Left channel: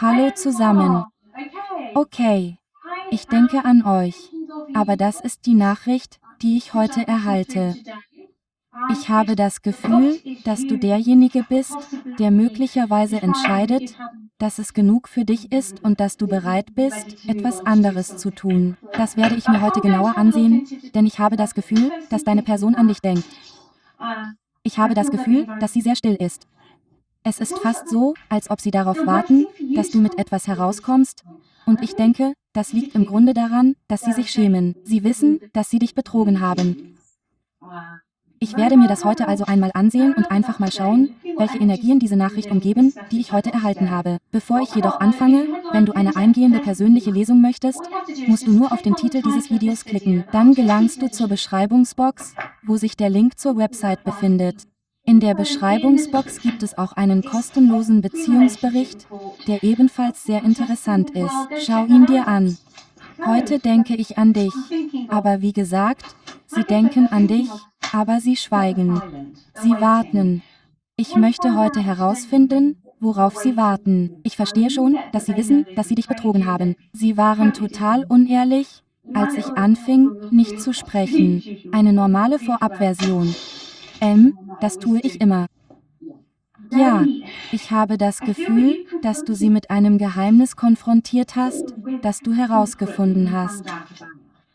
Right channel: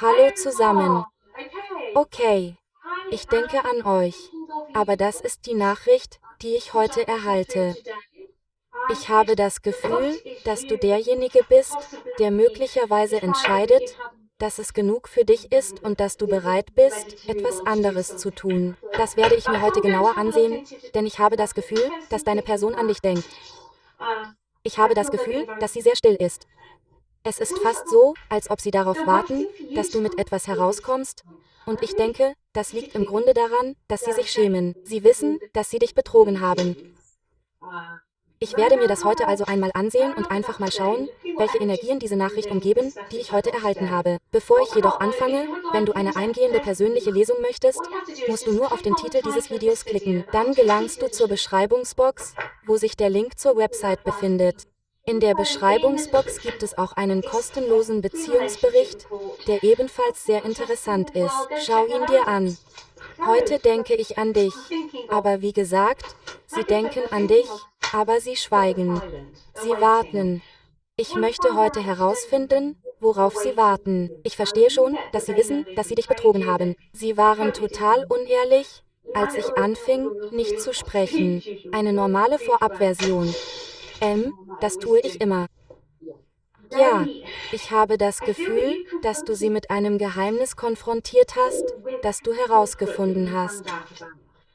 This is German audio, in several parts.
Hallo zusammen. Okay, ich denke an euch. Aber das ist die Nachricht, die ich heute erhalte. Ich habe das Gefühl, dass du derjenige bist, der möglicherweise entscheidet, dass es genug für dich ist und dass du bereit bist, etwas anderes zu tun. Das werde ich mir heute genauer ansehen, denn ich habe das Gefühl, dass deine Person an dich denkt. Ich habe das Gefühl, dass sie sehr still ist. Es ist fast so, als ob sie darauf warten, dass du mit etwas herauskommst, und ich denke, das liegt im Grunde daran, dass sie sich schämen. Sie wissen, dass sie dich betrogen haben. Ich werde mir das heute also einmal ansehen und einfach mal schauen, welche Energien diese Nachricht umgeben, die ich heute erhalten habe. Bevor ich jedoch anfange, wenn du eine eingehende persönliche Lesung möchtest, musst du nur auf den Titel dieses Videos klicken. Dann gelangst du zur Beschreibungsbox, wo sich der Link zur Website befindet. In der Beschreibungsbox gibt es auch einen kostenlosen Beziehungsbericht, der ebenfalls sehr interessant ist. Schau ihn dir an. Heute denke ich an dich. Aber wie gesagt, sie denken an dich, aber sie schweigen. Sie warten. Ich möchte heute herausfinden, worauf sie warten. Ich verstehe schon, dass sie wissen, dass sie dich betrogen haben. Sie waren total unehrlich, als ich anfing, nicht zu sprechen. Eine normale Vorabversion. Das tue ich immer. Ja, ich habe das Gefühl, dass du sie mit einem Geheimnis konfrontiert hast, das du herausgefunden hast.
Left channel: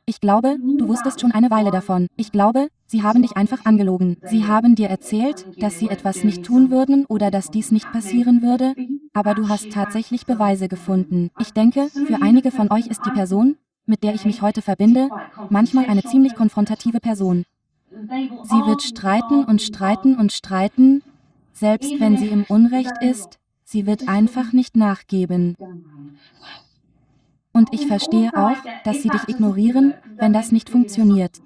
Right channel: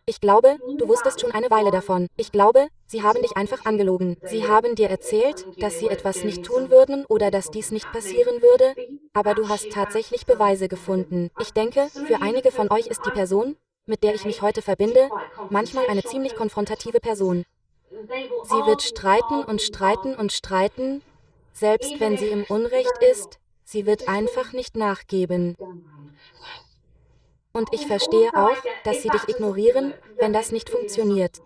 Ich glaube, du wusstest schon eine Weile davon. Ich glaube, sie haben dich einfach angelogen. Sie haben dir erzählt, dass sie etwas nicht tun würden oder dass dies nicht passieren würde, aber du hast tatsächlich Beweise gefunden. Ich denke, für einige von euch ist die Person, mit der ich mich heute verbinde, manchmal eine ziemlich konfrontative Person. Sie wird streiten und streiten und streiten, selbst wenn sie im Unrecht ist, sie wird einfach nicht nachgeben. Und ich verstehe auch, dass sie dich ignorieren, wenn das nicht funktioniert.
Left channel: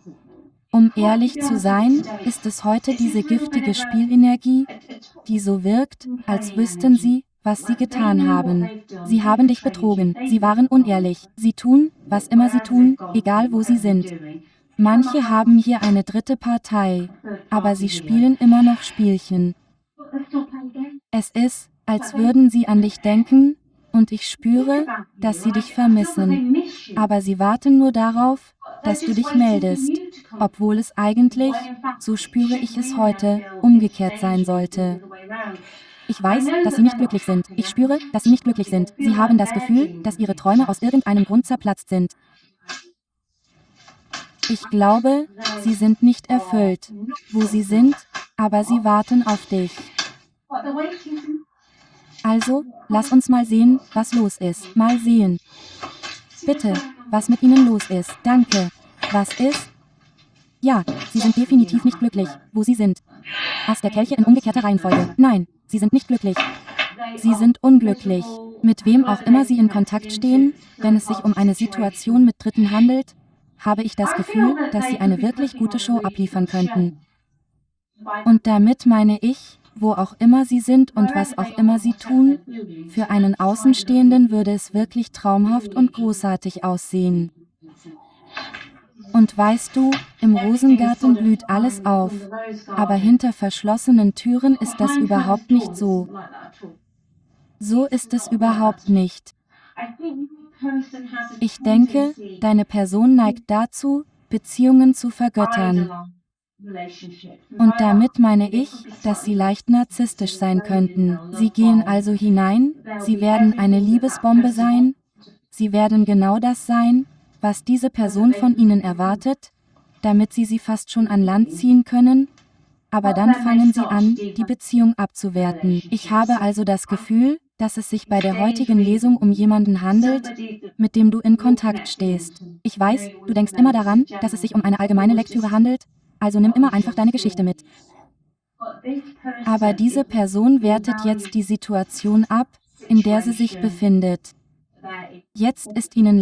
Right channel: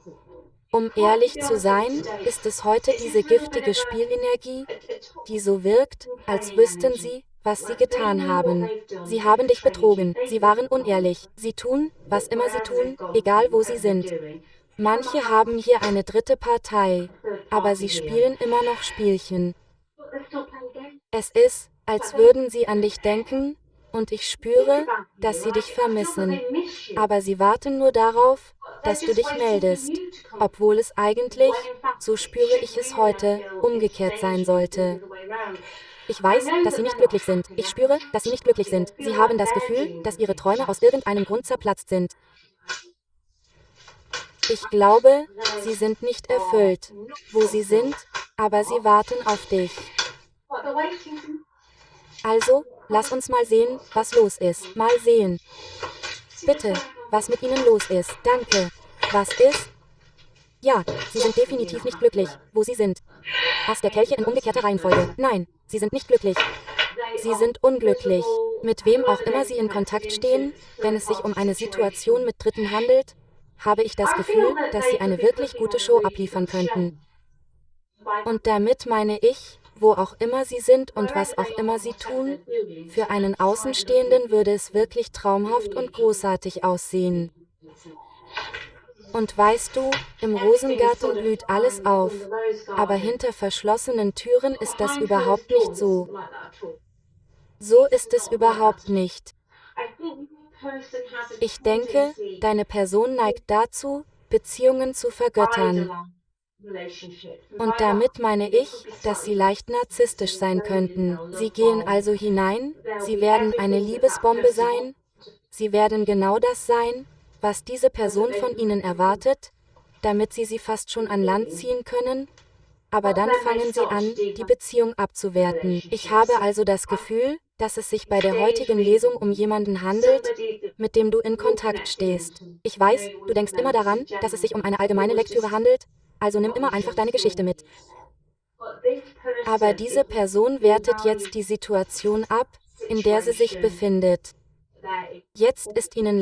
Um ehrlich zu sein, ist es heute diese giftige Spielenergie, die so wirkt, als wüssten sie, was sie getan haben. Sie haben dich betrogen, sie waren unehrlich, sie tun, was immer sie tun, egal wo sie sind. Manche haben hier eine dritte Partei, aber sie spielen immer noch Spielchen. Es ist, als würden sie an dich denken, und ich spüre, dass sie dich vermissen. Aber sie warten nur darauf, dass du dich meldest, obwohl es eigentlich, so spüre ich es heute, umgekehrt sein sollte. Ich weiß, dass sie nicht glücklich sind. Ich spüre, dass sie nicht glücklich sind. Sie haben das Gefühl, dass ihre Träume aus irgendeinem Grund zerplatzt sind. Ich glaube, sie sind nicht erfüllt, wo sie sind, aber sie warten auf dich. Also, lass uns mal sehen, was los ist. Mal sehen. Bitte, was mit ihnen los ist. Danke. Was ist? Ja, sie sind definitiv nicht glücklich, wo sie sind. Ass der Kelche in umgekehrter Reihenfolge. Nein, sie sind nicht glücklich. Sie sind unglücklich. Mit wem auch immer sie in Kontakt stehen, wenn es sich um eine Situation mit Dritten handelt, habe ich das Gefühl, dass sie eine wirklich gute Show abliefern könnten. Und damit meine ich, wo auch immer sie sind und was auch immer sie tun, für einen Außenstehenden würde es wirklich traumhaft und großartig aussehen. Und weißt du, im Rosengarten blüht alles auf, aber hinter verschlossenen Türen ist das überhaupt nicht so. So ist es überhaupt nicht. Ich denke, deine Person neigt dazu, Beziehungen zu vergöttern. Und damit meine ich, dass sie leicht narzisstisch sein könnten. Sie gehen also hinein, sie werden eine Liebesbombe sein, sie werden genau das sein, was diese Person von ihnen erwartet, damit sie fast schon an Land ziehen können, aber dann fangen sie an, die Beziehung abzuwerten. Ich habe also das Gefühl, dass es sich bei der heutigen Lesung um jemanden handelt, mit dem du in Kontakt stehst. Ich weiß, du denkst immer daran, dass es sich um eine allgemeine Lektüre handelt, also nimm immer einfach deine Geschichte mit. Aber diese Person wertet jetzt die Situation ab, in der sie sich befindet. Jetzt ist ihnen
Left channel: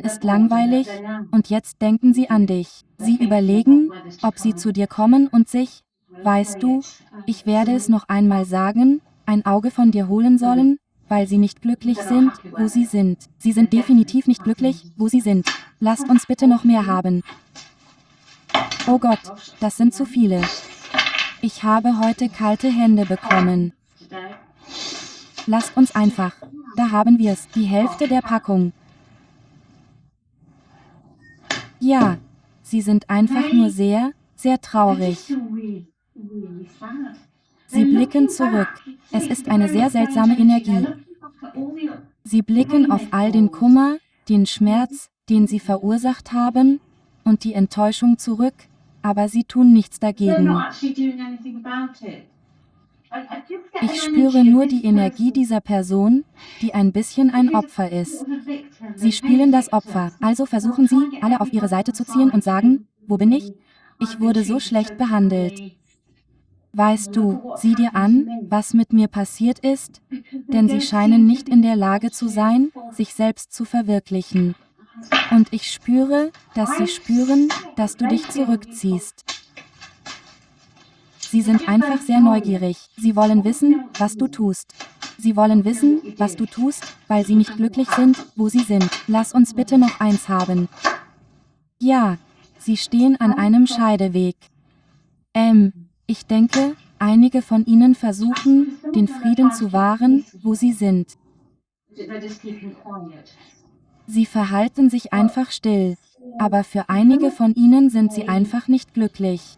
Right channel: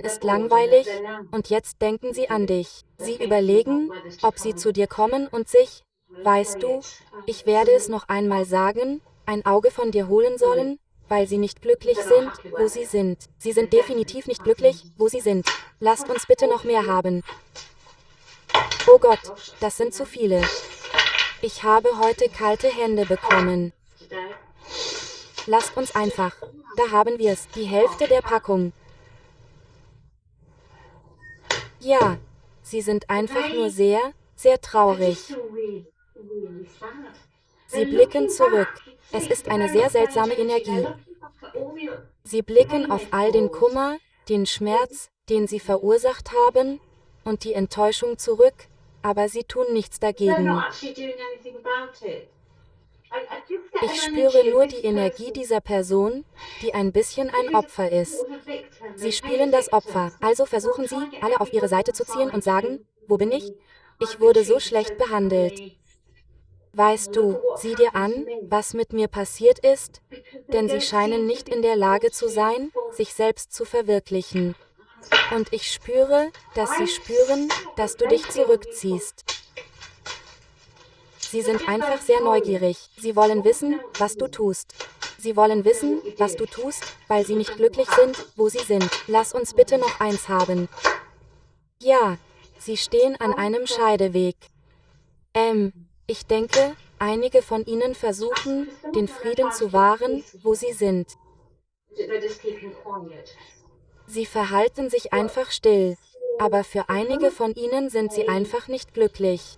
ist langweilig, und jetzt denken sie an dich. Sie überlegen, ob sie zu dir kommen und sich, weißt du, ich werde es noch einmal sagen, ein Auge von dir holen sollen, weil sie nicht glücklich sind, wo sie sind. Sie sind definitiv nicht glücklich, wo sie sind. Lasst uns bitte noch mehr haben. Oh Gott, das sind zu viele. Ich habe heute kalte Hände bekommen. Lasst uns einfach. Da haben wir's, die Hälfte der Packung. Ja, sie sind einfach nur sehr, sehr traurig. Sie blicken zurück. Es ist eine sehr seltsame Energie. Sie blicken auf all den Kummer, den Schmerz, den sie verursacht haben, und die Enttäuschung zurück, aber sie tun nichts dagegen. Ich spüre nur die Energie dieser Person, die ein bisschen ein Opfer ist. Sie spielen das Opfer, also versuchen sie, alle auf ihre Seite zu ziehen und sagen, wo bin ich? Ich wurde so schlecht behandelt. Weißt du, sieh dir an, was mit mir passiert ist, denn sie scheinen nicht in der Lage zu sein, sich selbst zu verwirklichen. Und ich spüre, dass sie spüren, dass du dich zurückziehst. Sie sind einfach sehr neugierig. Sie wollen wissen, was du tust. Sie wollen wissen, was du tust, weil sie nicht glücklich sind, wo sie sind. Lass uns bitte noch eins haben. Ja, sie stehen an einem Scheideweg. Ich denke, einige von ihnen versuchen, den Frieden zu wahren, wo sie sind. Sie verhalten sich einfach still, aber für einige von ihnen sind sie einfach nicht glücklich.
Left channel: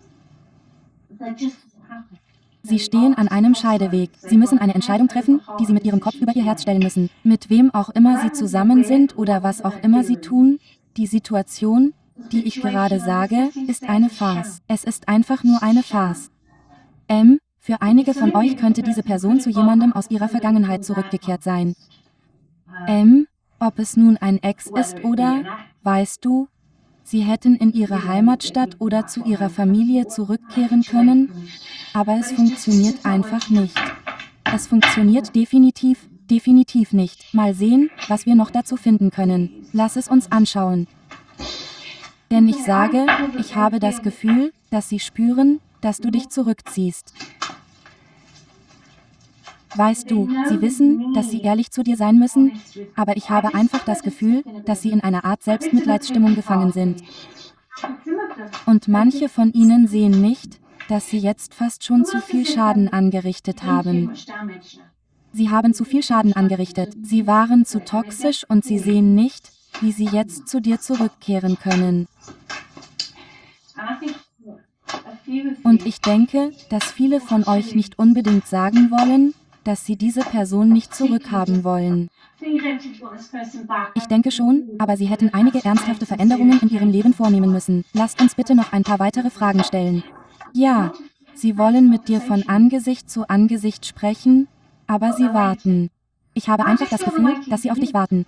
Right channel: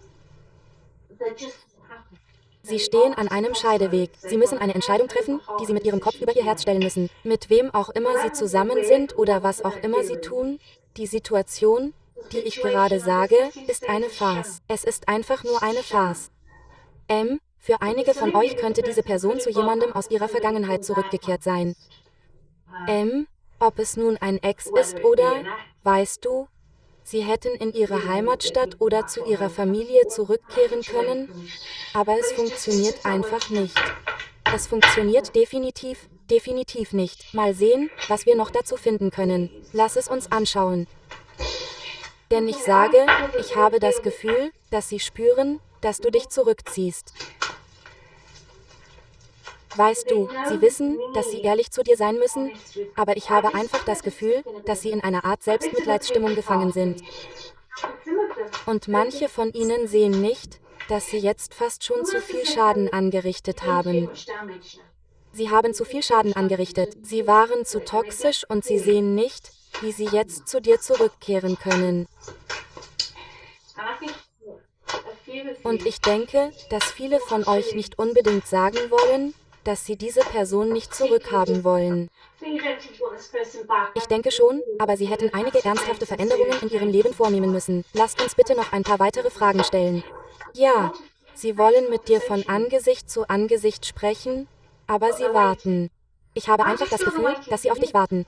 Sie stehen an einem Scheideweg. Sie müssen eine Entscheidung treffen, die sie mit ihrem Kopf über ihr Herz stellen müssen. Mit wem auch immer sie zusammen sind oder was auch immer sie tun, die Situation, die ich gerade sage, ist eine Farce. Es ist einfach nur eine Farce. Für einige von euch könnte diese Person zu jemandem aus ihrer Vergangenheit zurückgekehrt sein. Ob es nun ein Ex ist oder, weißt du, sie hätten in ihre Heimatstadt oder zu ihrer Familie zurückkehren können, aber es funktioniert einfach nicht. Es funktioniert definitiv nicht. Mal sehen, was wir noch dazu finden können. Lass es uns anschauen. Denn ich sage, ich habe das Gefühl, dass sie spüren, dass du dich zurückziehst. Weißt du, sie wissen, dass sie ehrlich zu dir sein müssen, aber ich habe einfach das Gefühl, dass sie in einer Art Selbstmitleidsstimmung gefangen sind. Und manche von ihnen sehen nicht, dass sie jetzt fast schon zu viel Schaden angerichtet haben. Sie haben zu viel Schaden angerichtet, sie waren zu toxisch und sie sehen nicht, wie sie jetzt zu dir zurückkehren können. Und ich denke, dass viele von euch nicht unbedingt sagen wollen, dass sie diese Person nicht zurückhaben wollen. Ich denke schon, aber sie hätten einige ernsthafte Veränderungen in ihrem Leben vornehmen müssen. Lasst uns bitte noch ein paar weitere Fragen stellen. Ja, sie wollen mit dir von Angesicht zu Angesicht sprechen, aber sie warten. Ich habe einfach das Gefühl, dass sie auf dich warten.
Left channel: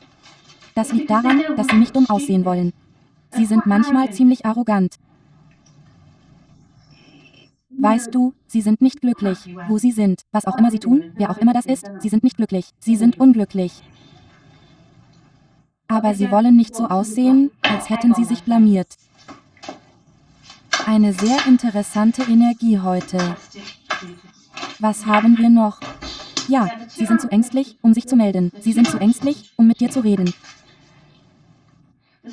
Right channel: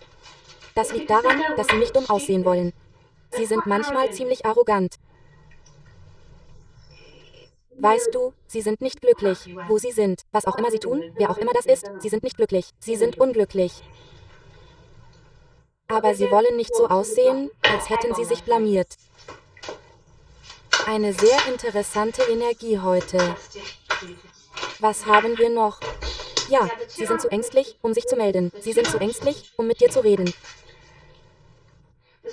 Das liegt daran, dass sie nicht dumm aussehen wollen. Sie sind manchmal ziemlich arrogant. Weißt du, sie sind nicht glücklich, wo sie sind. Was auch immer sie tun, wer auch immer das ist, sie sind nicht glücklich. Sie sind unglücklich. Aber sie wollen nicht so aussehen, als hätten sie sich blamiert. Eine sehr interessante Energie heute. Was haben wir noch? Ja, sie sind zu ängstlich, um sich zu melden. Sie sind zu ängstlich, um mit dir zu reden.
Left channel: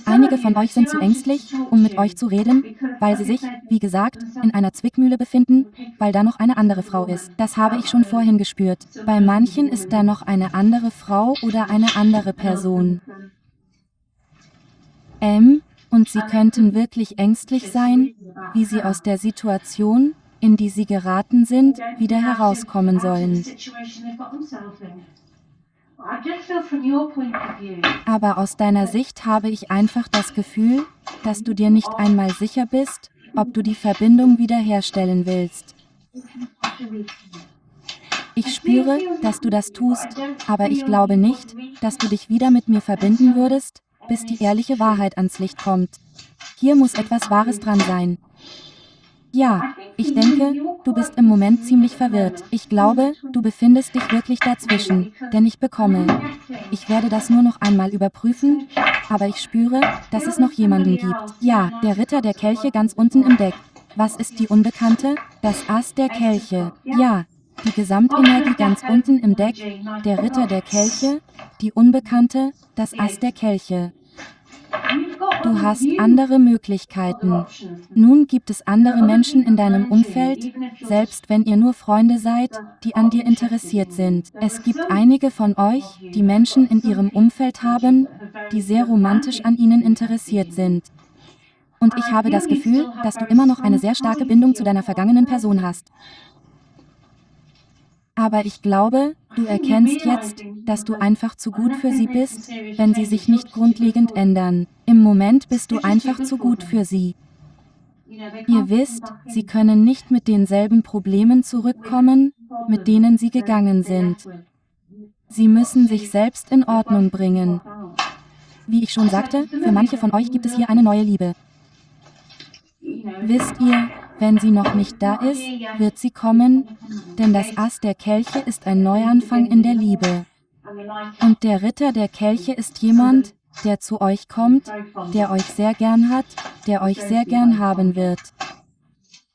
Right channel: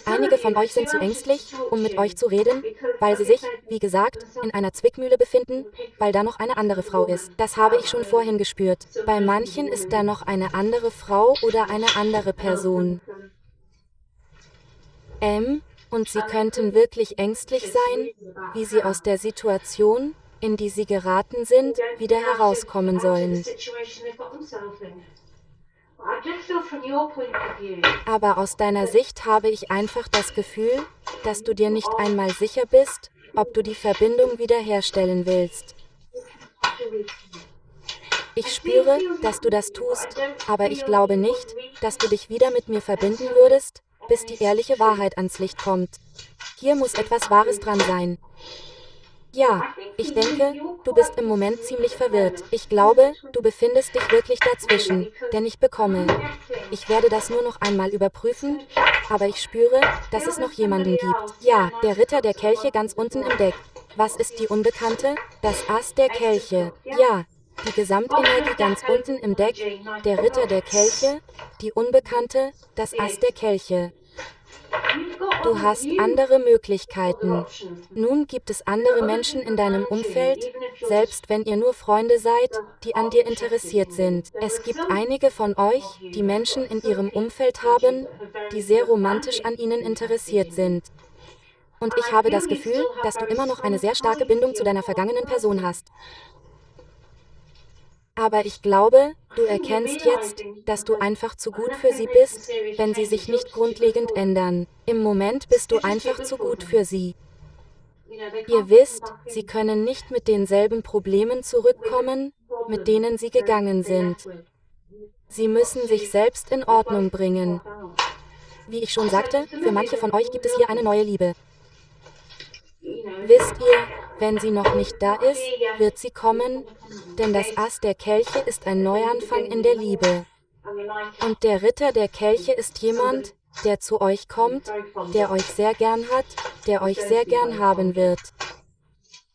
Einige von euch sind zu ängstlich, um mit euch zu reden, weil sie sich, wie gesagt, in einer Zwickmühle befinden, weil da noch eine andere Frau ist. Das habe ich schon vorhin gespürt. Bei manchen ist da noch eine andere Frau oder eine andere Person. Und sie könnten wirklich ängstlich sein, wie sie aus der Situation, in die sie geraten sind, wieder herauskommen sollen. Aber aus deiner Sicht habe ich einfach das Gefühl, dass du dir nicht einmal sicher bist, ob du die Verbindung wiederherstellen willst. Ich spüre, dass du das tust, aber ich glaube nicht, dass du dich wieder mit mir verbinden würdest, bis die ehrliche Wahrheit ans Licht kommt. Hier muss etwas Wahres dran sein. Ja, ich denke, du bist im Moment ziemlich verwirrt. Ich glaube, du befindest dich wirklich dazwischen, denn ich werde das nur noch einmal überprüfen, aber ich spüre, dass es noch jemanden gibt. Ja, der Ritter der Kelche ganz unten im Deck. Was ist die Unbekannte? Das Ass der Kelche. Ja, die Gesamtenergie ganz unten im Deck, der Ritter der Kelche, die Unbekannte, das Ass der Kelche. Du hast andere Möglichkeiten. Nun gibt es andere Menschen in deinem Umfeld, selbst wenn ihr nur Freunde seid, die an dir interessiert sind. Es gibt einige von euch, die Menschen in ihrem Umfeld haben, die sehr romantisch an ihnen interessiert sind. Und ich habe das Gefühl, dass du immer noch eine sehr starke Bindung zu deiner vergangenen Person hast. Aber ich glaube, du erkennst jetzt, dass du einfach zu gut für sie bist, wenn sie sich nicht grundlegend ändern. Im Moment bist du einfach zu gut für sie. Ihr wisst, sie können nicht mit denselben Problemen zurückkommen, mit denen sie gegangen sind. Sie müssen sich selbst in Ordnung bringen. Wie ich schon sagte, für manche von euch gibt es hier eine neue Liebe. Wisst ihr, wenn sie noch nicht da ist, wird sie kommen, denn das Ass der Kelche ist ein Neuanfang in der Liebe. Und der Ritter der Kelche ist jemand, der zu euch kommt, der euch sehr gern hat, der euch sehr gern haben wird.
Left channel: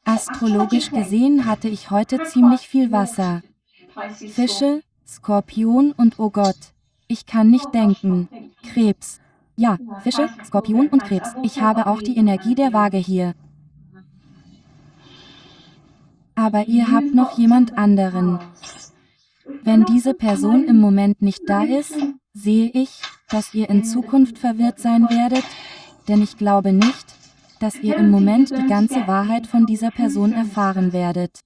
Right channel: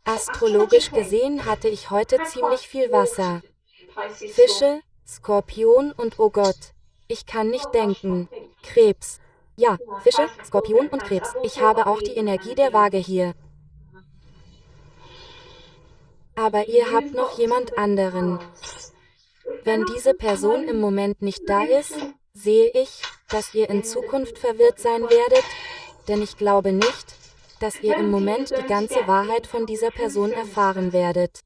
Astrologisch gesehen hatte ich heute ziemlich viel Wasser. Fische, Skorpion und oh Gott, ich kann nicht denken. Krebs. Ja, Fische, Skorpion und Krebs. Ich habe auch die Energie der Waage hier. Aber ihr habt noch jemand anderen. Wenn diese Person im Moment nicht da ist, sehe ich, dass ihr in Zukunft verwirrt sein werdet, denn ich glaube nicht, dass ihr im Moment die ganze Wahrheit von dieser Person erfahren werdet.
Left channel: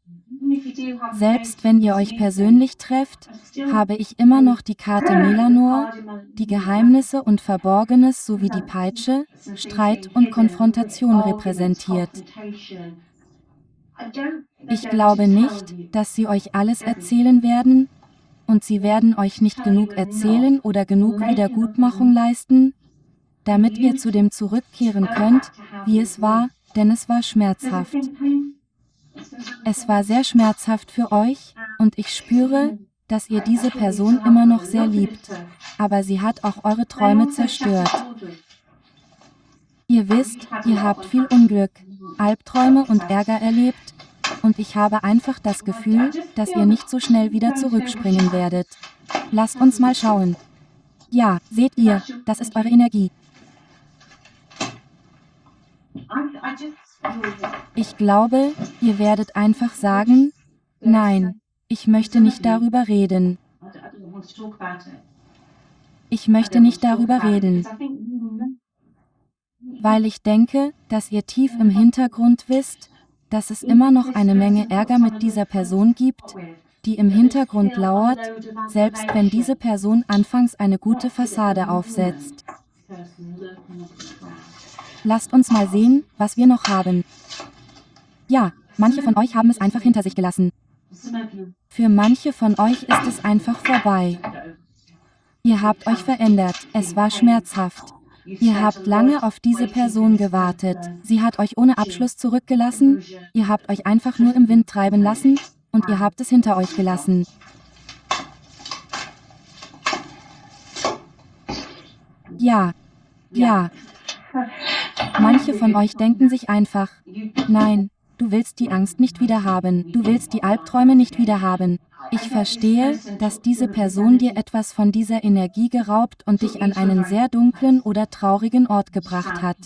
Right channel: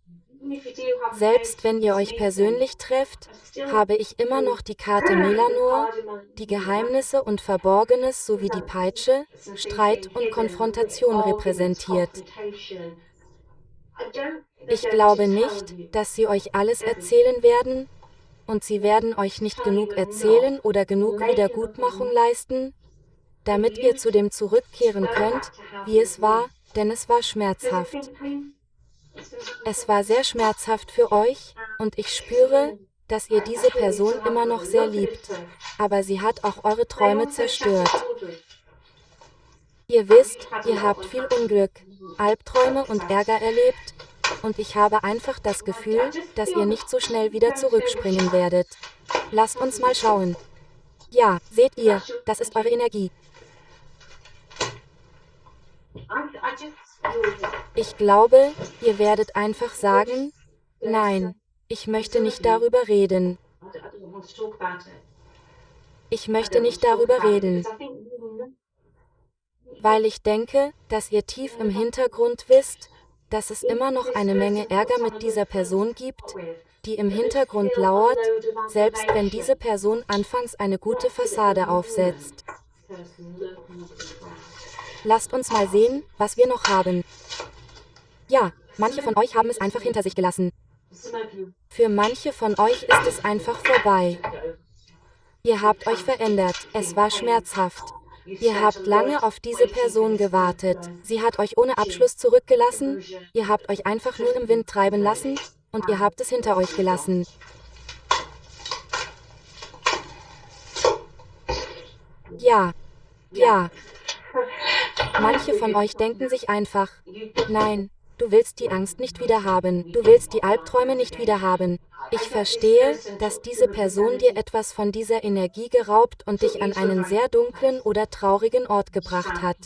Selbst wenn ihr euch persönlich trefft, habe ich immer noch die Karte Melanor, die Geheimnisse und Verborgenes sowie die Peitsche, Streit und Konfrontation repräsentiert. Ich glaube nicht, dass sie euch alles erzählen werden, und sie werden euch nicht genug erzählen oder genug Wiedergutmachung leisten, damit ihr zu dem zurückkehren könnt, wie es war, denn es war schmerzhaft. Es war sehr schmerzhaft für euch, und ich spüre, dass ihr diese Person immer noch sehr liebt, aber sie hat auch eure Träume zerstört. Ihr wisst, ihr habt viel Unglück, Albträume und Ärger erlebt, und ich habe einfach das Gefühl, dass ihr nicht so schnell wieder zurückspringen werdet. Lasst uns mal schauen. Ja, seht ihr, das ist eure Energie. Ich glaube, ihr werdet einfach sagen, nein, ich möchte nicht darüber reden. Ich möchte nicht darüber reden. Weil ich denke, dass ihr tief im Hintergrund wisst, dass es immer noch eine Menge Ärger mit dieser Person gibt, die im Hintergrund lauert, selbst wenn diese Person anfangs eine gute Fassade aufsetzt. Lasst uns mal sehen, was wir noch haben. Ja, manche von euch haben es einfach hinter sich gelassen. Für manche von euch ist es einfach vorbei. Ihr habt euch verändert, es war schmerzhaft. Ihr habt lange auf diese Person gewartet. Sie hat euch ohne Abschluss zurückgelassen, ihr habt euch einfach nur im Wind treiben lassen, und ihr habt es hinter euch gelassen. Ja. Ja. Manche von euch denken sich einfach, nein, du willst die Angst nicht wieder haben, du willst die Albträume nicht wieder haben. Ich verstehe, dass diese Person dir etwas von dieser Energie geraubt und dich an einen sehr dunklen oder traurigen Ort gebracht hat.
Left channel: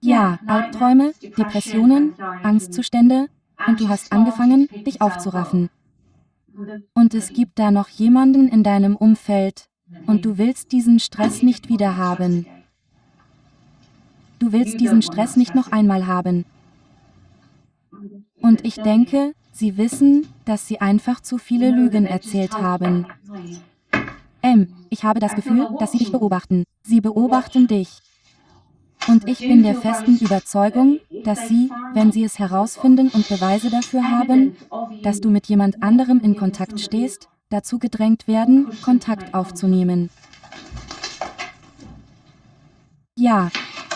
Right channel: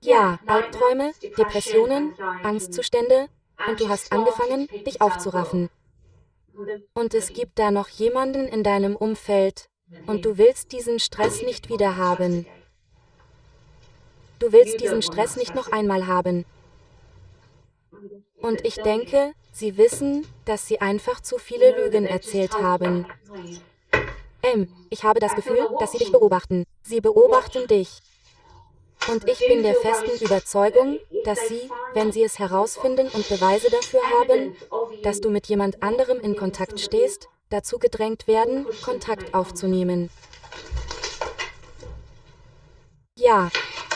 Ja, Albträume, Depressionen, Angstzustände, und du hast angefangen, dich aufzuraffen. Und es gibt da noch jemanden in deinem Umfeld, und du willst diesen Stress nicht wieder haben. Du willst diesen Stress nicht noch einmal haben. Und ich denke, sie wissen, dass sie einfach zu viele Lügen erzählt haben. Ich habe das Gefühl, dass sie dich beobachten. Sie beobachten dich. Und ich bin der festen Überzeugung, dass sie, wenn sie es herausfinden und Beweise dafür haben, dass du mit jemand anderem in Kontakt stehst, dazu gedrängt werden, Kontakt aufzunehmen. Ja,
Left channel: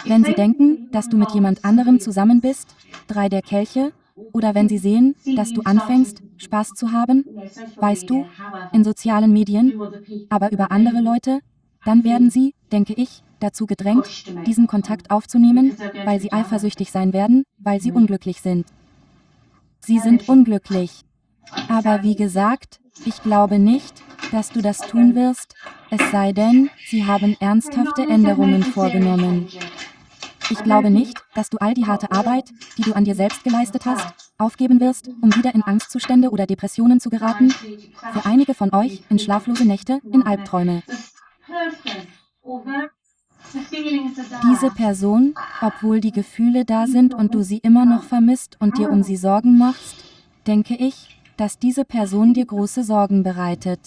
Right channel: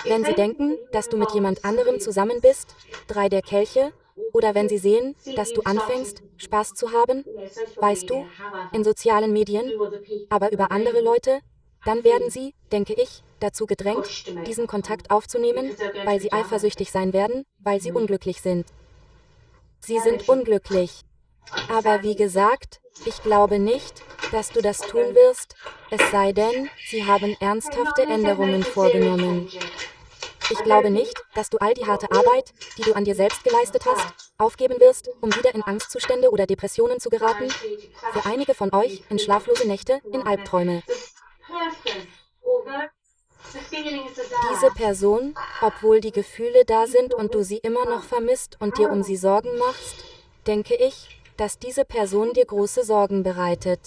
wenn sie denken, dass du mit jemand anderem zusammen bist, 3 der Kelche, oder wenn sie sehen, dass du anfängst, Spaß zu haben, weißt du, in sozialen Medien, aber über andere Leute, dann werden sie, denke ich, dazu gedrängt, diesen Kontakt aufzunehmen, weil sie eifersüchtig sein werden, weil sie unglücklich sind. Sie sind unglücklich. Aber wie gesagt, Ich glaube nicht, dass du das tun wirst, es sei denn, sie haben ernsthafte Änderungen vorgenommen. Ich glaube nicht, dass du all die harte Arbeit, die du an dir selbst geleistet hast, aufgeben wirst, um wieder in Angstzustände oder Depressionen zu geraten. Für einige von euch in schlaflose Nächte, in Albträume. Diese Person, obwohl die Gefühle da sind und du sie immer noch vermisst und dir um sie Sorgen machst, denke ich, dass diese Person dir große Sorgen bereitet.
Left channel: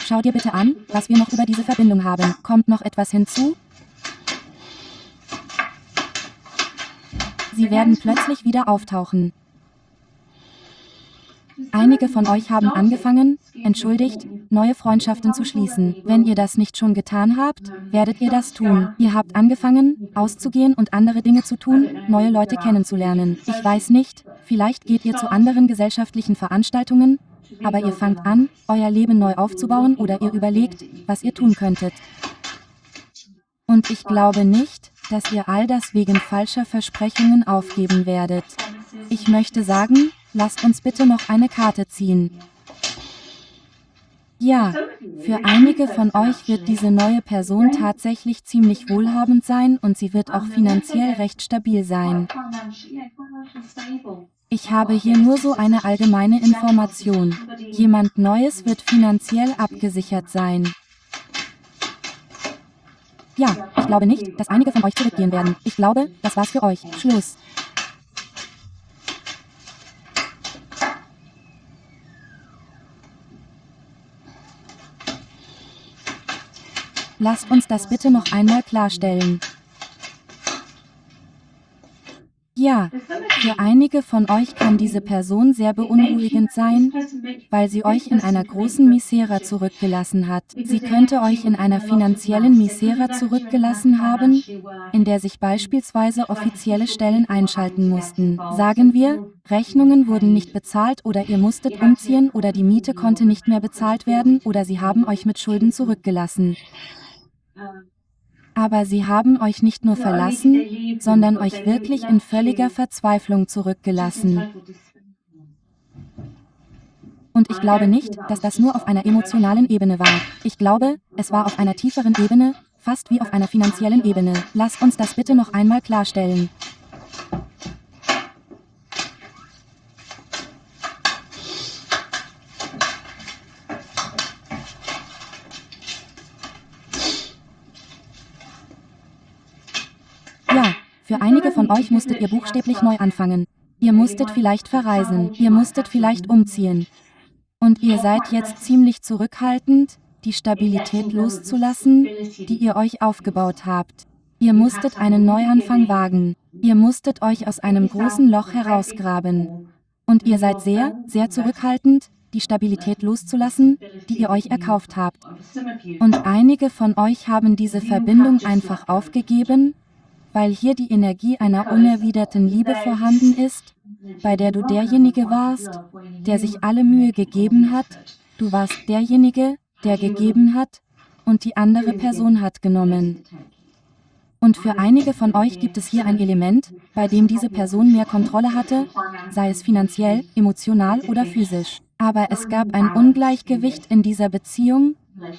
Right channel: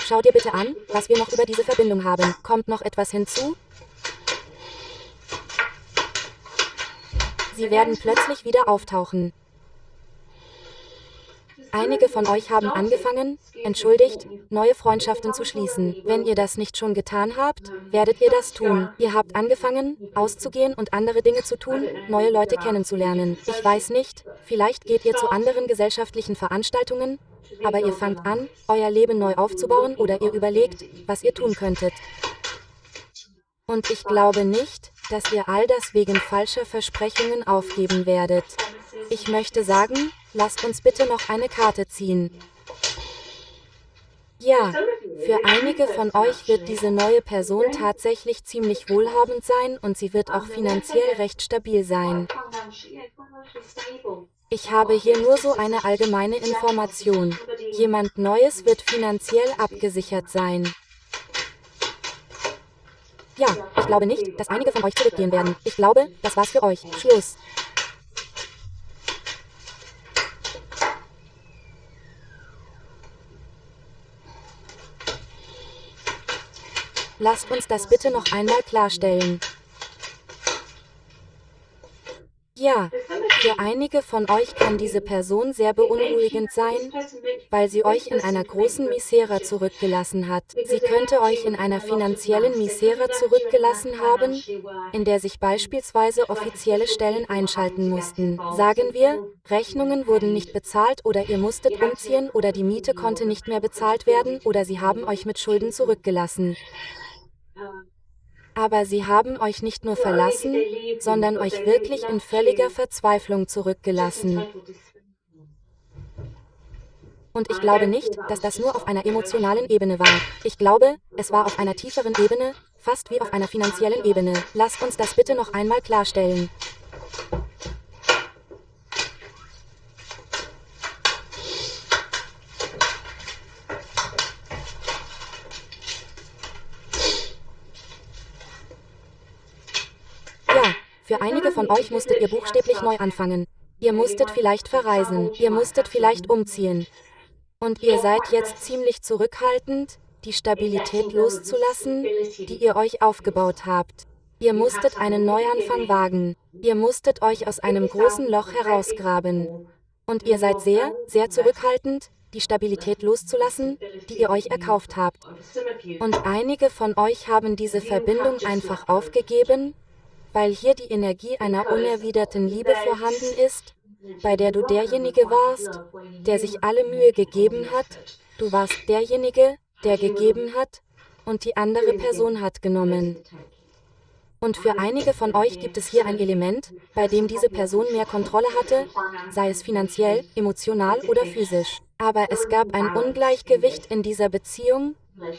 Schau dir bitte an, was wir noch über diese Verbindung haben. Kommt noch etwas hinzu? Sie werden plötzlich wieder auftauchen. Einige von euch haben angefangen, entschuldigt, neue Freundschaften zu schließen. Wenn ihr das nicht schon getan habt, werdet ihr das tun. Ihr habt angefangen, auszugehen und andere Dinge zu tun, neue Leute kennenzulernen. Ich weiß nicht, vielleicht geht ihr zu anderen gesellschaftlichen Veranstaltungen, aber ihr fangt an, euer Leben neu aufzubauen oder ihr überlegt, was ihr tun könntet. Und ich glaube nicht, dass ihr all das wegen falscher Versprechungen aufgeben werdet. Ich möchte sagen, lasst uns bitte noch eine Karte ziehen. Ja, für einige von euch wird diese neue Person tatsächlich ziemlich wohlhabend sein und sie wird auch finanziell recht stabil sein. Ich habe hier nur so eine allgemeine Information. Jemand Neues wird finanziell abgesichert sein. Ja, ich glaube nicht, dass einige von euch zurückgehen werden. Ich glaube, das war's für euch. Schluss. Lasst uns das bitte noch einmal klarstellen. Ja, für einige von euch kann diese Person sehr beunruhigend sein, weil sie euch in einer großen Misere zurückgelassen hat. Sie könnte euch in einer finanziellen Misere zurückgelassen haben, in der sich beispielsweise offizielle Stellen einschalten mussten. Sagen wir, Rechnungen wurden nicht bezahlt oder ihr musstet umziehen oder die Miete konnte nicht mehr bezahlt werden oder sie haben euch mit Schulden zurückgelassen. Aber sie haben euch nicht nur verlassen, sondern euch wirklich in völliger Verzweiflung zurückgelassen. Und ich glaube nicht, dass das nur auf einer emotionalen Ebene war. Ich glaube, es war auf einer tieferen Ebene, fast wie auf einer finanziellen Ebene. Lasst uns das bitte noch einmal klarstellen. Ja, für einige von euch musstet ihr buchstäblich neu anfangen. Ihr musstet vielleicht verreisen, ihr musstet vielleicht umziehen. Und ihr seid jetzt ziemlich zurückhaltend, die Stabilität loszulassen, die ihr euch aufgebaut habt. Ihr musstet einen Neuanfang wagen. Ihr musstet euch aus einem großen Loch herausgraben. Und ihr seid sehr, sehr zurückhaltend, die Stabilität loszulassen, die ihr euch erkauft habt. Und einige von euch haben diese Verbindung einfach aufgegeben, weil hier die Energie einer unerwiderten Liebe vorhanden ist, bei der du derjenige warst, der sich alle Mühe gegeben hat, du warst derjenige, der gegeben hat, und die andere Person hat genommen. Und für einige von euch gibt es hier ein Element, bei dem diese Person mehr Kontrolle hatte, sei es finanziell, emotional oder physisch. Aber es gab ein Ungleichgewicht in dieser Beziehung,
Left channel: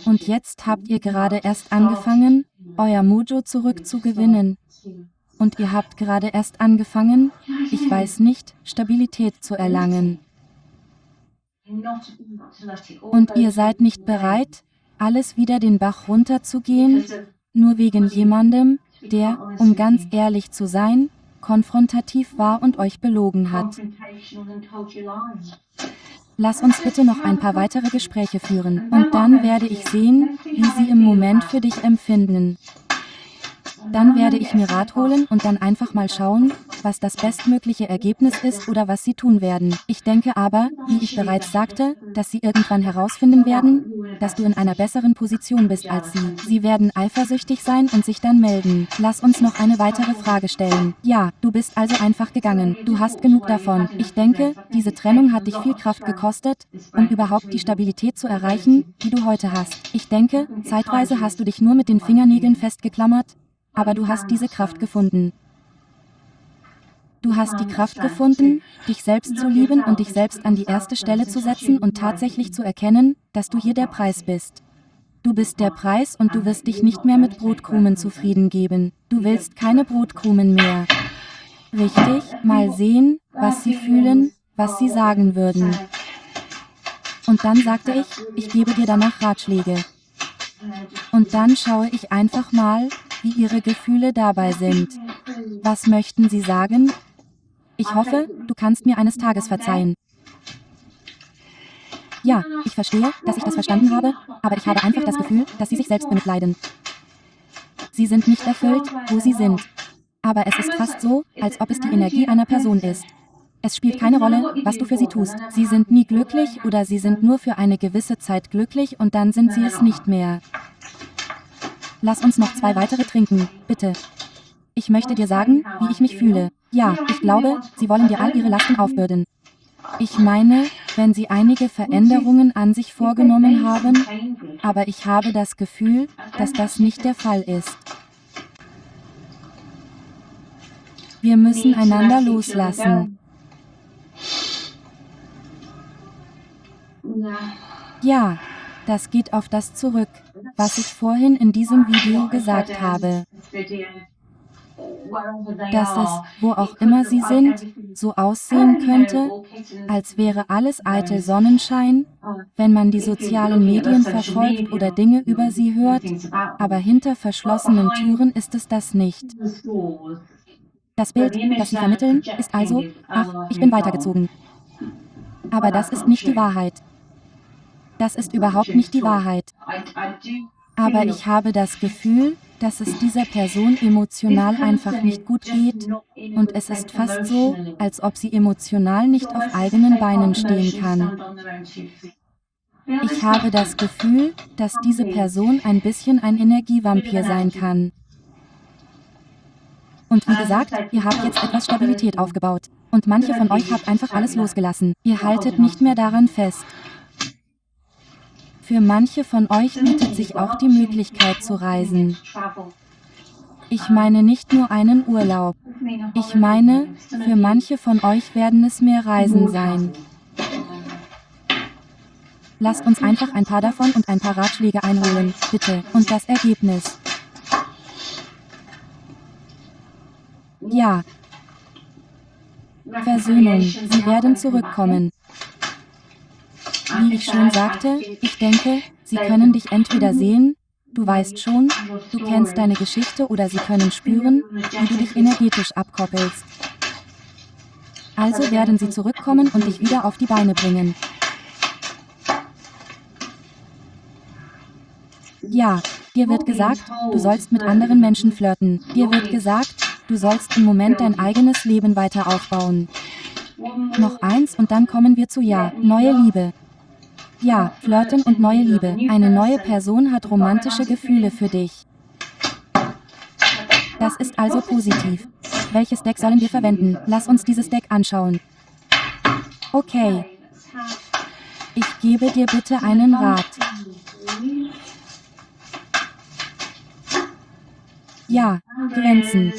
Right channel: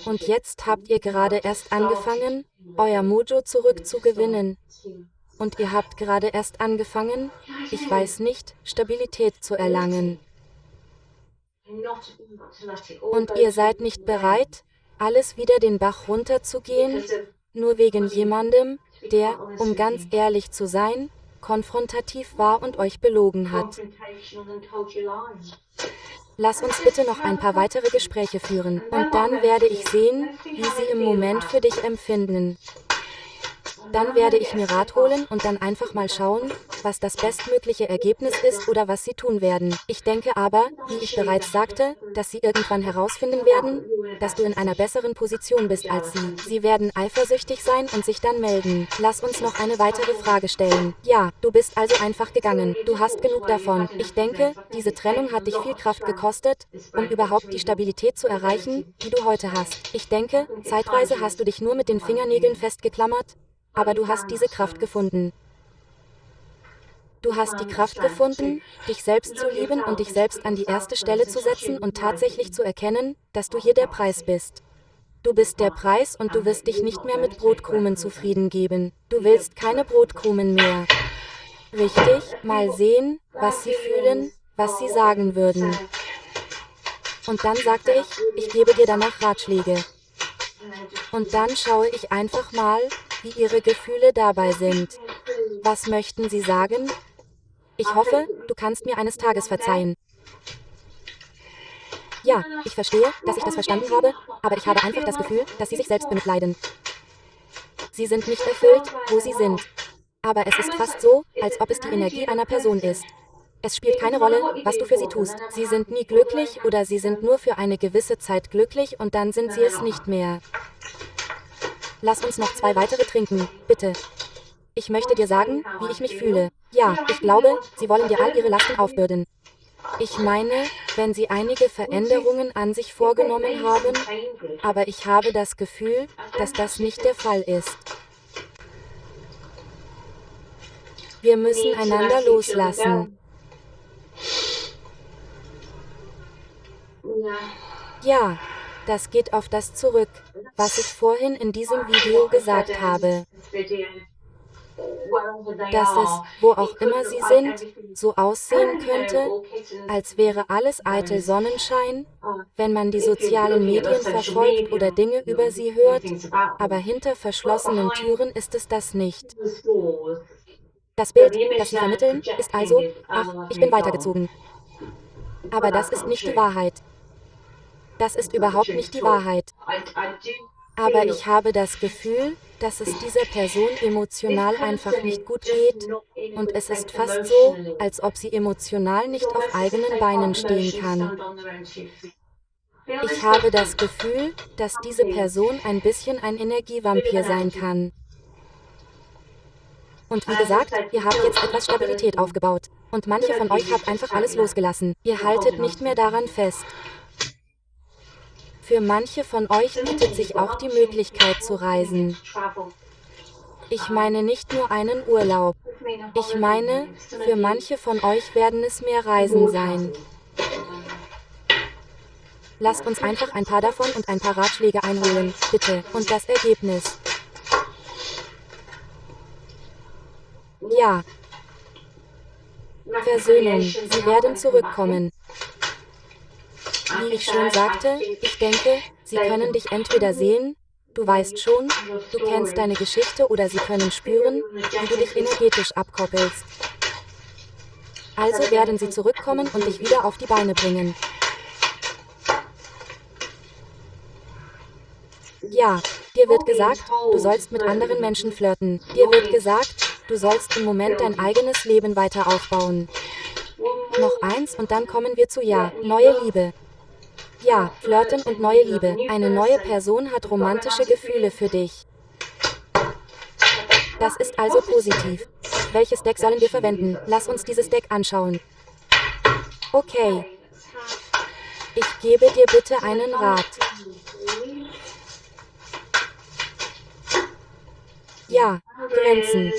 und jetzt habt ihr gerade erst angefangen, euer Mojo zurückzugewinnen. Und ihr habt gerade erst angefangen, ich weiß nicht, Stabilität zu erlangen. Und ihr seid nicht bereit, alles wieder den Bach runterzugehen, nur wegen jemandem, der, um ganz ehrlich zu sein, konfrontativ war und euch belogen hat. Lass uns bitte noch ein paar weitere Gespräche führen, und dann werde ich sehen, wie sie im Moment für dich empfinden. Dann werde ich mir Rat holen und dann einfach mal schauen, was das bestmögliche Ergebnis ist oder was sie tun werden. Ich denke aber, wie ich bereits sagte, dass sie irgendwann herausfinden werden, dass du in einer besseren Position bist als sie. Sie werden eifersüchtig sein und sich dann melden. Lass uns noch eine weitere Frage stellen. Ja, du bist also einfach gegangen. Du hast genug davon. Ich denke, diese Trennung hat dich viel Kraft gekostet, um überhaupt die Stabilität zu erreichen, die du heute hast. Ich denke, zeitweise hast du dich nur mit den Fingernägeln festgeklammert, aber du hast diese Kraft gefunden. Du hast die Kraft gefunden, dich selbst zu lieben und dich selbst an die erste Stelle zu setzen und tatsächlich zu erkennen, dass du hier der Preis bist. Du bist der Preis und du wirst dich nicht mehr mit Brotkrumen zufrieden geben. Du willst keine Brotkrumen mehr. Richtig, mal sehen, was sie fühlen, was sie sagen würden. Und dann sagte ich gebe dir danach Ratschläge. Und dann schaue ich einfach mal, wie ihre Gefühle dabei sind. Was möchten sie sagen? Ich hoffe, du kannst mir eines Tages verzeihen. Ja, ich verstehe, dass ich das verstanden habe, aber ich habe einfach das Gefühl, dass sie sich selbst bemitleiden. Sie sind nicht erfüllt, wo sie sind. Aber es ist fast so, als ob es die Energie einer Person ist. Es spielt keine Rolle, was du für sie tust. Sie sind nie glücklich oder sie sind nur für eine gewisse Zeit glücklich und dann sind sie es nicht mehr. Lass uns noch 2 weitere trinken, bitte. Ich möchte dir sagen, wie ich mich fühle. Ja, ich glaube, sie wollen dir all ihre Lasten aufbürden. Ich meine, wenn sie einige Veränderungen an sich vorgenommen haben, aber ich habe das Gefühl, dass das nicht der Fall ist. Wir müssen einander loslassen. Ja, das geht auf das zurück, was ich vorhin in diesem Video gesagt habe. Dass es, wo auch immer sie sind, so aussehen könnte, als wäre alles eitel Sonnenschein, wenn man die sozialen Medien verfolgt oder Dinge über sie hört, aber hinter verschlossenen Türen ist es das nicht. Das Bild, das sie vermitteln, ist also, ach, ich bin weitergezogen. Aber das ist nicht die Wahrheit. Das ist überhaupt nicht die Wahrheit. Aber ich habe das Gefühl, dass es dieser Person emotional einfach nicht gut geht, und es ist fast so, als ob sie emotional nicht auf eigenen Beinen stehen kann. Ich habe das Gefühl, dass diese Person ein bisschen ein Energievampir sein kann. Und wie gesagt, ihr habt jetzt etwas Stabilität aufgebaut. Und manche von euch habt einfach alles losgelassen. Ihr haltet nicht mehr daran fest. Für manche von euch bietet sich auch die Möglichkeit zu reisen. Ich meine nicht nur einen Urlaub. Ich meine, für manche von euch werden es mehr Reisen sein. Lasst uns einfach ein paar davon und ein paar Ratschläge einholen, bitte. Und das Ergebnis. Ja. Versöhnung, sie werden zurückkommen. Wie ich schon sagte, ich denke, sie können dich entweder sehen, du weißt schon, du kennst deine Geschichte oder sie können spüren, wie du dich energetisch abkoppelst. Also werden sie zurückkommen und dich wieder auf die Beine bringen. Ja, dir wird gesagt, du sollst mit anderen Menschen flirten. Dir wird gesagt, du sollst im Moment dein eigenes Leben weiter aufbauen. Noch eins und dann kommen wir zu ja, neue Liebe. Ja, flirten und neue Liebe. Eine neue Person hat romantische Gefühle für dich. Das ist also positiv. Welches Deck sollen wir verwenden? Lass uns dieses Deck anschauen. Okay. Ich gebe dir bitte einen Rat. Ja, Grenzen.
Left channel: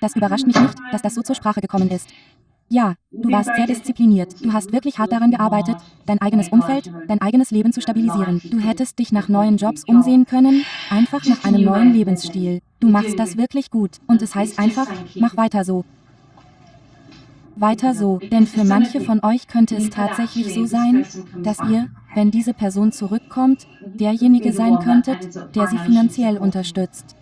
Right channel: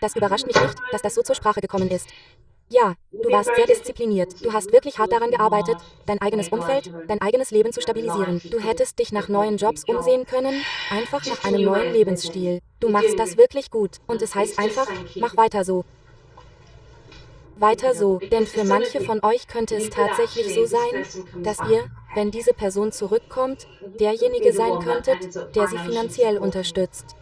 Das überrascht mich nicht, dass das so zur Sprache gekommen ist. Ja, du warst sehr diszipliniert. Du hast wirklich hart daran gearbeitet, dein eigenes Umfeld, dein eigenes Leben zu stabilisieren. Du hättest dich nach neuen Jobs umsehen können, einfach nach einem neuen Lebensstil. Du machst das wirklich gut. Und es heißt einfach, mach weiter so. Weiter so, denn für manche von euch könnte es tatsächlich so sein, dass ihr, wenn diese Person zurückkommt, derjenige sein könntet, der sie finanziell unterstützt.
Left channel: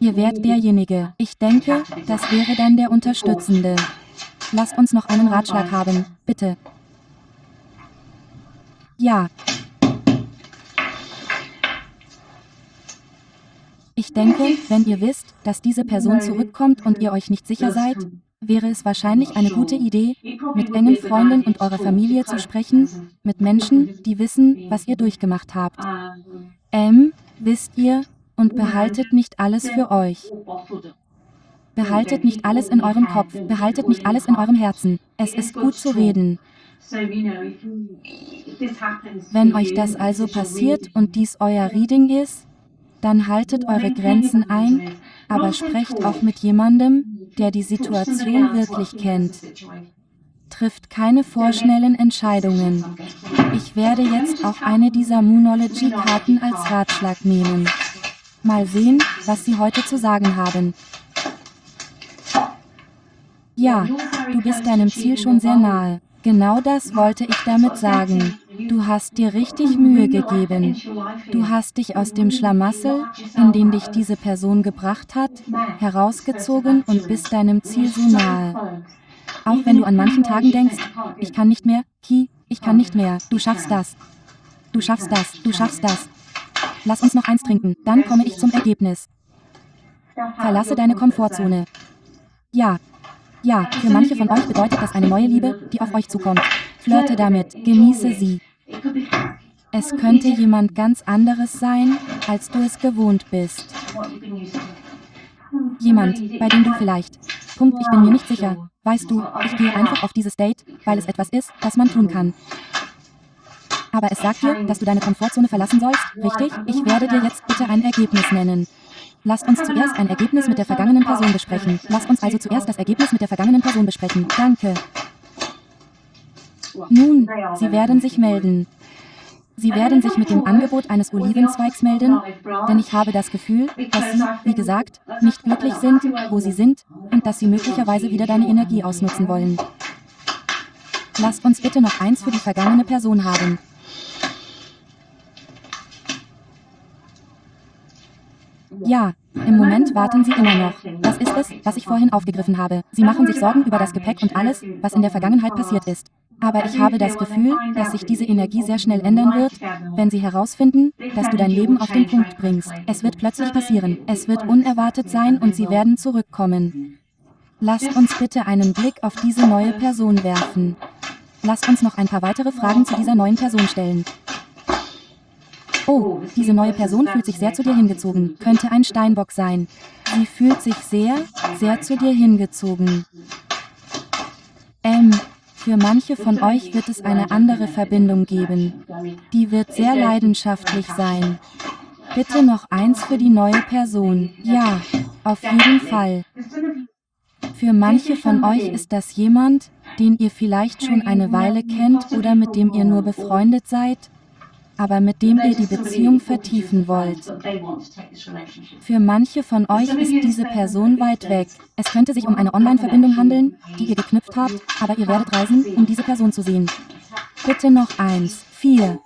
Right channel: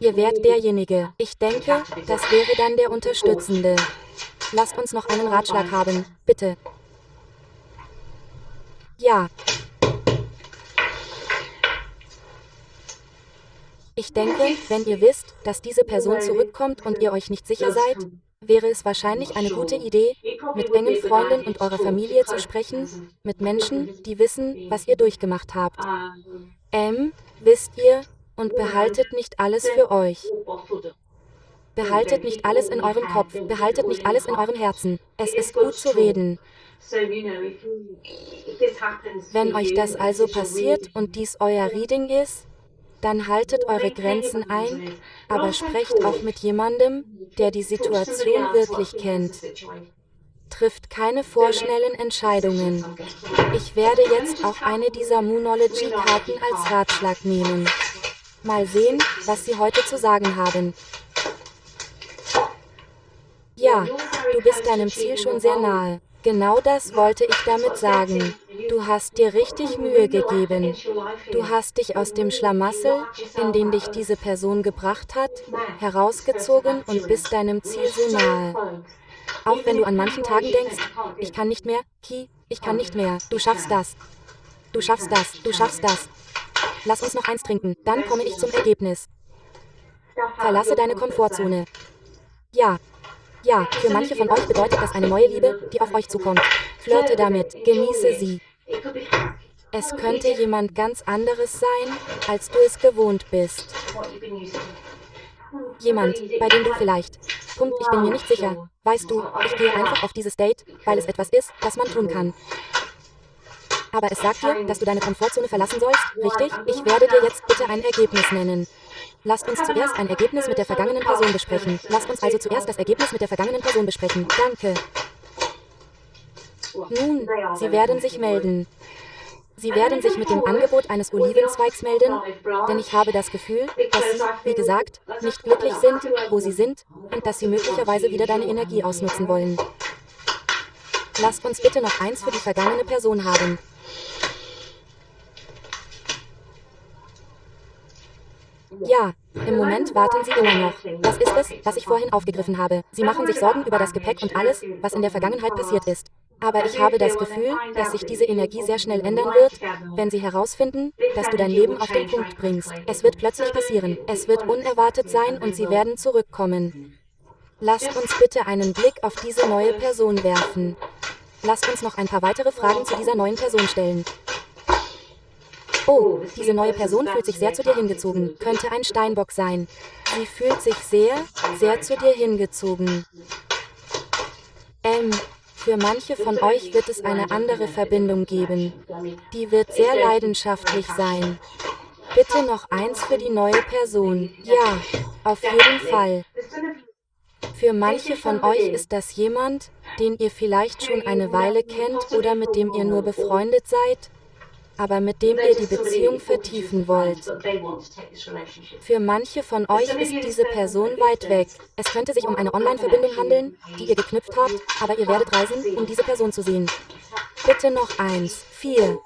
Ihr wärt derjenige. Ich denke, das wäre dann der Unterstützende. Lasst uns noch einen Ratschlag haben, bitte. Ja. Ich denke, wenn ihr wisst, dass diese Person zurückkommt und ihr euch nicht sicher seid, wäre es wahrscheinlich eine gute Idee, mit engen Freunden und eurer Familie zu sprechen, mit Menschen, die wissen, was ihr durchgemacht habt. Wisst ihr, und behaltet nicht alles für euch. Behaltet nicht alles in eurem Kopf, behaltet nicht alles in eurem Herzen. Es ist gut zu reden. Wenn euch das also passiert und dies euer Reading ist, Dann haltet eure Grenzen ein, aber sprecht auch mit jemandem, der die Situation wirklich kennt. Trifft keine vorschnellen Entscheidungen. Ich werde jetzt auch eine dieser Moonology-Karten als Ratschlag nehmen. Mal sehen, was sie heute zu sagen haben. Ja, du bist deinem Ziel schon sehr nahe. Genau das wollte ich damit sagen. Du hast dir richtig Mühe gegeben. Du hast dich aus dem Schlamassel, in den dich diese Person gebracht hat, herausgezogen und bist deinem Ziel so nahe. Auch wenn du an manchen Tagen denkst, ich kann nicht mehr, Ki, ich kann nicht mehr, du schaffst das. Du schaffst das, du schaffst das. Lass uns noch eins trinken, dann komme ich zum Ergebnis. Verlasse deine Komfortzone. Ja. Ja, für manche von euch bedeutet das eine neue Liebe, die auf euch zukommt. Flirte damit, genieße sie. Es könnte jemand ganz anderes sein, als du es gewohnt bist. Jemand, bei dem du vielleicht. Punkt, ich bin mir nicht sicher. Weißt du, ich gehe einfach auf dieses Date, weil es etwas ist, das man tun kann. Aber es sagt dir, dass du deine Komfortzone verlassen sollst, richtig? Ich werde dir jetzt bitte ein Ergebnis nennen. Lasst uns zuerst ein Ergebnis mit der vergangenen Person besprechen. Lasst uns also zuerst das Ergebnis mit der vergangenen Person besprechen. Danke. Nun, sie werden sich melden. Sie werden sich mit dem Angebot eines Olivenzweigs melden, denn ich habe das Gefühl, dass sie, wie gesagt, nicht glücklich sind, wo sie sind, und dass sie möglicherweise wieder deine Energie ausnutzen wollen. Lasst uns bitte noch eins für die vergangene Person haben. Ja, im Moment warten sie immer noch. Das ist es, was ich vorhin aufgegriffen habe. Sie machen sich Sorgen über das Gepäck und alles, was in der Vergangenheit passiert ist. Aber ich habe das Gefühl, dass sich diese Energie sehr schnell ändern wird, wenn sie herausfinden, dass du dein Leben auf den Punkt bringst. Es wird plötzlich passieren. Es wird unerwartet sein und sie werden zurückkommen. Lasst uns bitte einen Blick auf diese neue Person werfen. Lasst uns noch ein paar weitere Fragen zu dieser neuen Person stellen. Oh, diese neue Person fühlt sich sehr zu dir hingezogen. Könnte ein Steinbock sein. Sie fühlt sich sehr, sehr zu dir hingezogen. Für manche von euch wird es eine andere Verbindung geben. Die wird sehr leidenschaftlich sein. Bitte noch eins für die neue Person. Ja, auf jeden Fall. Für manche von euch ist das jemand, den ihr vielleicht schon eine Weile kennt oder mit dem ihr nur befreundet seid, aber mit dem ihr die Beziehung vertiefen wollt. Für manche von euch ist diese Person weit weg. Es könnte sich um eine Online-Verbindung handeln, die ihr geknüpft habt, aber ihr werdet reisen, um diese Person zu sehen. Bitte noch eins. 4.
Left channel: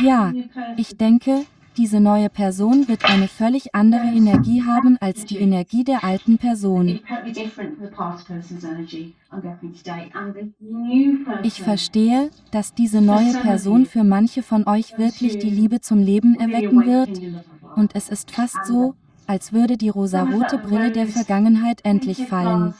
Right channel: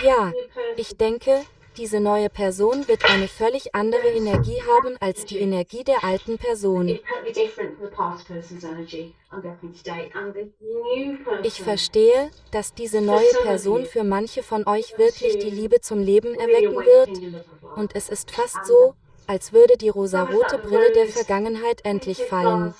Ja, ich denke, diese neue Person wird eine völlig andere Energie haben als die Energie der alten Person. Ich verstehe, dass diese neue Person für manche von euch wirklich die Liebe zum Leben erwecken wird, und es ist fast so, als würde die rosarote Brille der Vergangenheit endlich fallen.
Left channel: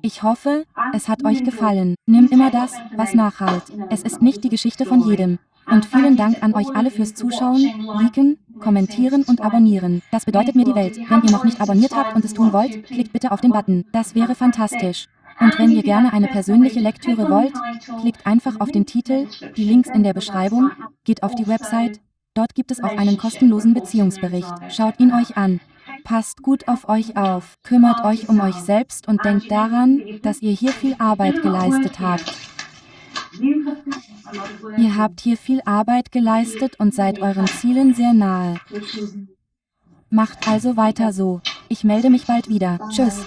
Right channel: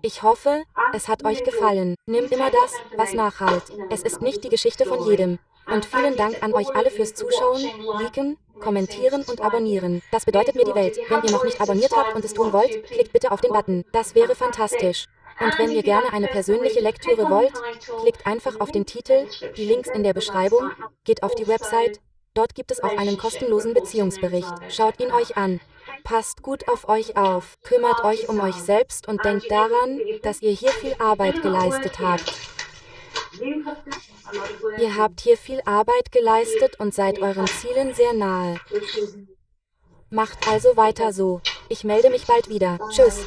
Ich hoffe, es hat euch gefallen. Nimm immer das, was nachhalt. Es ist nicht die Geschichte von jedem. Und vielen Dank an euch alle fürs Zuschauen, liken, kommentieren und abonnieren. Das bedeutet mir die Welt. Wenn ihr noch nicht abonniert habt und es tun wollt, klickt bitte auf den Button. Das wäre fantastisch. Und wenn ihr gerne eine persönliche Lektüre wollt, klickt einfach auf den Titel, die Links in der Beschreibung, geht auf die Website. Dort gibt es auch einen kostenlosen Beziehungsbericht. Schaut ihn euch an. Passt gut auf euch auf, kümmert euch um euch selbst und denkt daran, dass ihr hier viel Arbeit geleistet habt. Ihr habt hier viel Arbeit geleistet und seid euren Zielen sehr nahe. Macht also weiter so. Ich melde mich bald wieder. Tschüss.